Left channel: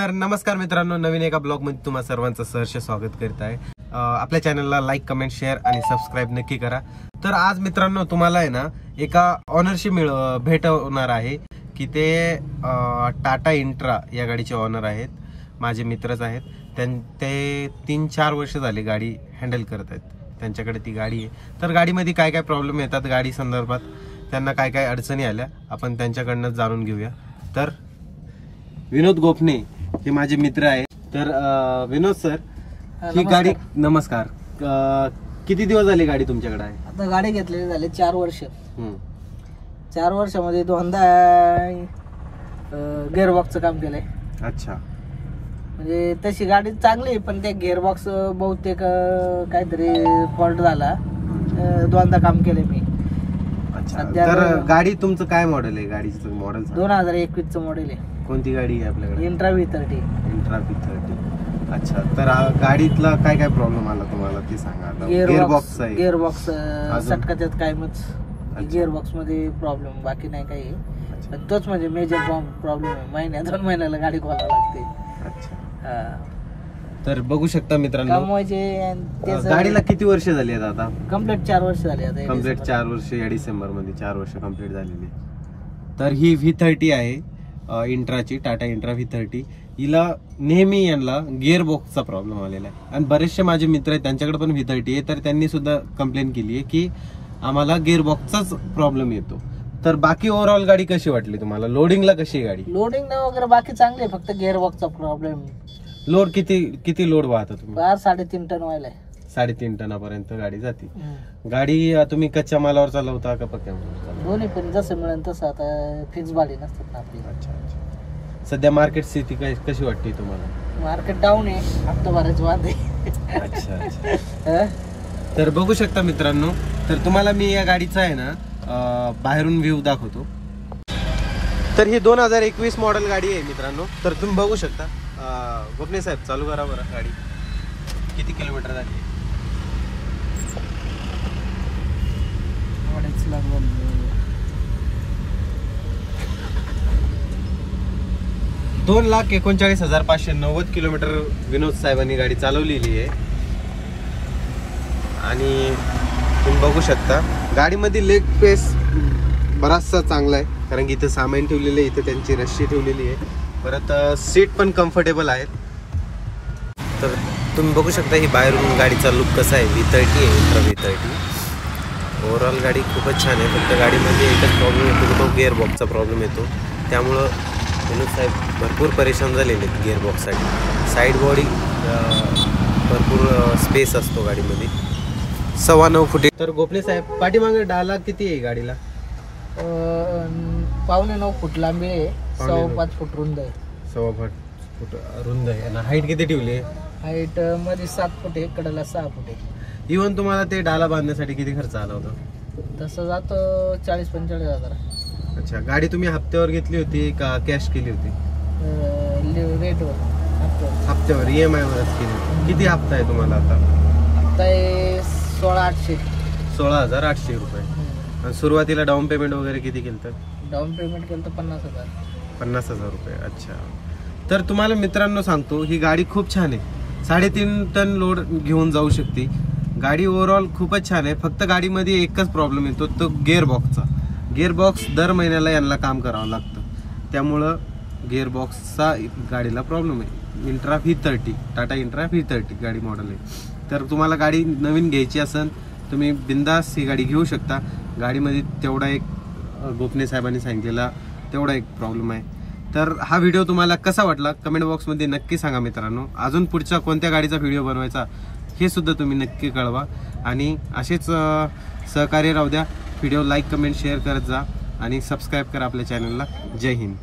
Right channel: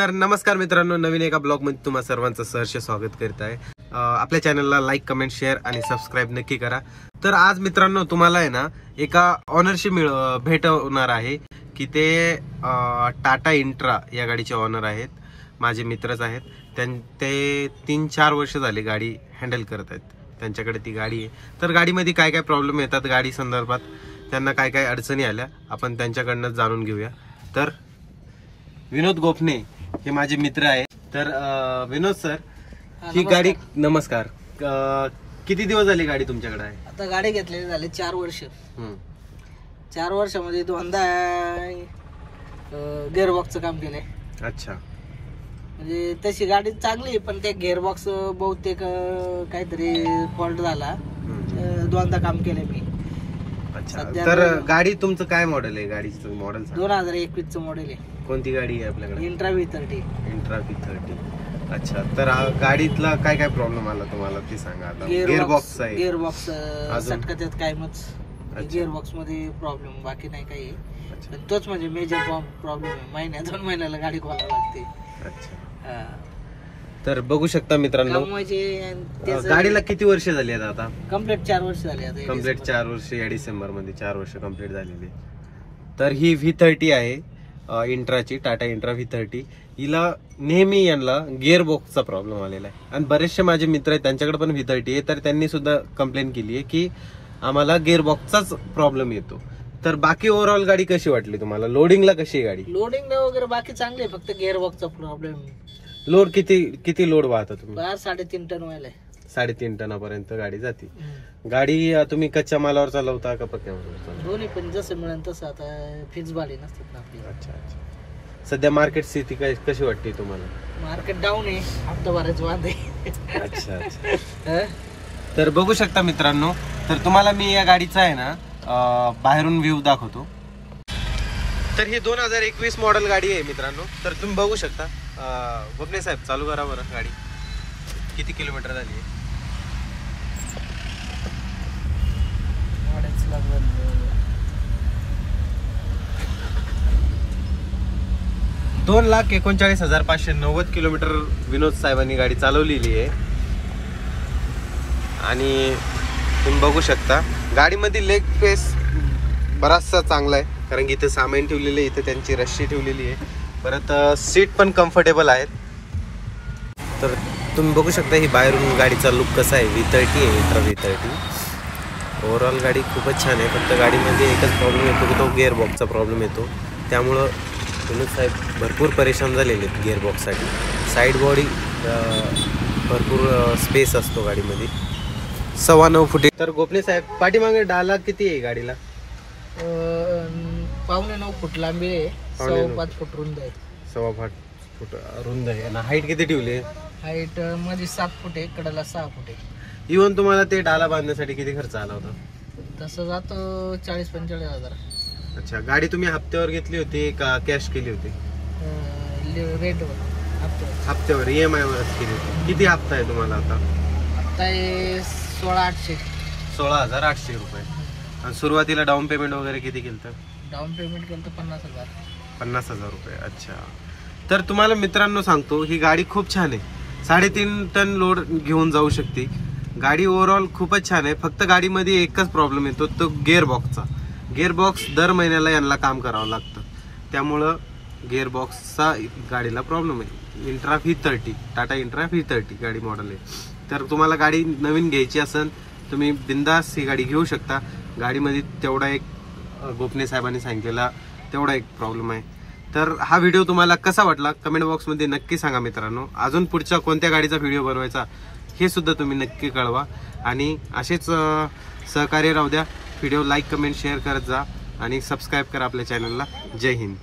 तर नमस्कार मित्रांनो, नवीन एका ब्लॉग मध्ये तुम्हा सर्वांचं सहर्ष स्वागत करीत आहे। आपल्या चॅनलला लाईक, कमेंट, शेअर आणि सबस्क्राईब नक्की करा। तर आज मित्रांनो तुम्हाला आहे ना एका ऑनरशी भेटवणार आहे की ते टाटा इंट्रा या गाडीचे ऑनर आहेत, माझे मित्रच आहेत। ते 3-4 वर्ष झाले गाडी हँडल करत आहेत, त्यांच्याकडे ती गाडी आहे। तर गाडीमध्ये काय काय प्रॉब्लेम येतात, गाडी संदर्भात त्यांना काय काय अडचणी आल्या, आपण त्यांच्याकडनं जाणून घेऊया। तर विनोद गोपने हे माझे मित्र आहे। तर विनोद सर, ही गाडी नमस्कार, किती दिवस झाले गाडी तुमच्याकडे आहे? आता गाडी घेतलेली झाले 4 वर्ष। 4 वर्षामध्ये दोनदा गिअरबॉक्सचं काम केलंय। अच्छा, म्हणजे तशी गाडी चांगली आहे, पण त्या गिअरबॉक्स बहुतेक काहीतरी फॉल्ट झाला, दोनदा काम केलंय मी। तर गाडी तुमचं काय मॉडेल आहे? गाडीचं मॉडेल 2021 चं मॉडेल आहे। कोणती गाडी आहे आपल्याकडे? Intra V30। Intra V30। अच्छा, तर गाडीतला काय काय प्रॉब्लेम आला तुम्हाला ते सांगा। गिअरबॉक्स आहे, गिअरबॉक्स सटकाच्यात कायमच गिअरबॉक्स मध्ये प्रॉब्लेम, बाकी नाही काही। पण तोच म्हणजे मेजर प्रॉब्लेम आहे, महिन्या 2 महिन्याला गाडी खोलावी लागते। अच्छा, तर बघू शकता मित्रांनो, गाडीला किती वर्ष झाली आहेत आता? कम्प्लीट 4 वर्ष झाली आता। कम्प्लीट 4 वर्ष, या डिसेंबर मध्ये 4 वर्ष कम्प्लीट झालेली। तर ही V30 आहे, इंट्राची, टाटा इंट्रा V30। हिला नेहमी यांना गिअर बॉक्सचा प्रॉब्लेम आलेला आहे, आणि बरेचसे माझे मित्र आहेत त्यांच्याकडे पण V30 आहे, तर त्यांनी सुद्धा कंप्लेंट केली आहे की आम्हाला गिअर बॉक्सचाच प्रॉब्लेम येतो। तर बाकी ओव्हरऑल गाडी कशी वाटली तुम्हाला? लोडिंगला कशी आहे गाडी? लोडिंग नाही वगैरे बाकी चांगली आहे, फक्त गिअर बॉक्सचा प्रॉब्लेम। लोड किती लोड वाहता तुम्ही? 3.5 टन व्हायला। 3.5 टनापर्यंत गाडी जाते। गाडी तुम्ही कच्च्या मालावर चालवता का पक्क्या मालावर? दोन्ही, पण जसं मिळेल तसं। आता फिक्स भाडी नसतात ना आपली। अच्छा अच्छा, सध्या मार्केट स्थिती कशी वाटते तुम्हाला? मार्केट डाऊन आहे, हप्ता भरायचं वाद आहे। अच्छा अच्छा। तर बघू शकता मित्रांनो, तर तुम्हाला मी या गाडीचा आहे ना बाहेरून व्ह्यू दाखवतो। तर ही 2021 मॉडेल गाडी आहे मित्रांनो। तर तुम्ही बघू शकता। गोपने साहेब, चालू करा बरं गाडी। किती किलोमीटर झाली? 2,39,590 किलोमीटर विनोद साहेबांनी गाडी चालवलेली आहे। आणि तुम्ही बघू शकता गाडीमध्ये लेग स्पेस बराचसा चांगला आहे, कारण की इथे सामान ठेवलेले, इथे त्यांची रस्सी ठेवलेली आहे, परत सीट पण कम्फर्टेबल आहेत। तर तुम्ही बघू शकता ही बाहेरून गाडीचा लुक कसा आहे। V30 आहे, इंट्रा V30। ओव्हरऑल गाडी खूपच छान आहे, फक्त गाडीमध्ये एकच प्रॉब्लेम येतो की तो गिअरबॉक्सचा प्रॉब्लेम येतो, त्यामुळं विनोद साहेब भरपूर परेशान झालेले आहेत गिअरबॉक्ससाठी। साईड बॉडी भरपूर स्पेस असतो गाडीमध्ये, 9.25 फुट। तर गोपने साहेब, पाठीमागे डाला किती आहे गाडीला? 9.25 फूट लांबी आहे, 5.25 फूट रुंद आहे। 5.25 फूट रुंद आहे ना। हाईट किती ठेवली आहे? हाईट मध्ये 7 फूट आहे, कडेला 6 फूट आहे। इव्हन तुम्हाला ते डाला बांधण्यासाठी किती खर्च आला होता? तसं जातो 40-45 हजार। अच्छा, गाडी तुम्ही हप्त्यावर घेतली होती का कॅश केली होती? हप्त्यावर, EMI वरच केली होती। किती हप्ता आहे तुम्हाला आता? हप्ता आहे 16,800 रुपये। आणि सुरुवातीला डाऊन पेमेंट वगैरे किती केलं? डाऊन पेमेंट केलं तर 50,000। 50,000 रुपये। अच्छा, तर तुम्हाला मित्रांनो सांगतो, ही गाडी खूप छान आहे, 3.5 टन लोड घेऊन जाऊ शकते गाडी। ओव्हरऑल खूपच छान आहे, फक्त गाडीमध्ये एकच प्रॉब्लेम येतो, तो गिअरबॉक्सचा। गिअरबॉक्स दर महिन्याला यांना काम करावं लागतं, त्यामुळं गिअरबॉक्सचा गाडीला प्रॉब्लेम आहे। Intra V30, Tata intra V30 गाडी मॉडेल आहे। तर तुम्हाला गाडी नवीन घ्यायची असेल तुम्ही बिंदास ही गाडी घेऊ शकता। गाडीमध्ये तेवढा एक गोपने साहेबांनी सांगितलेला तेवढा एक प्रॉब्लेम आहे। तर हा व्हिडिओ तुम्हाला कसा वाटला कमेंट बॉक्समध्ये नक्की सांगा मित्रांनो। अजून पुढच्या कोणत्या गाडीचा व्हिडिओ बनवायचा हे सुद्धा तुम्ही नक्की कळवा, आणि असेच सहकार्य राहू द्या। व्हिडिओ लाईक, कमेंट, शेअर करत जा, आणि सबस्क्राईब करा आपल्या चॅनलला। जय हिंद।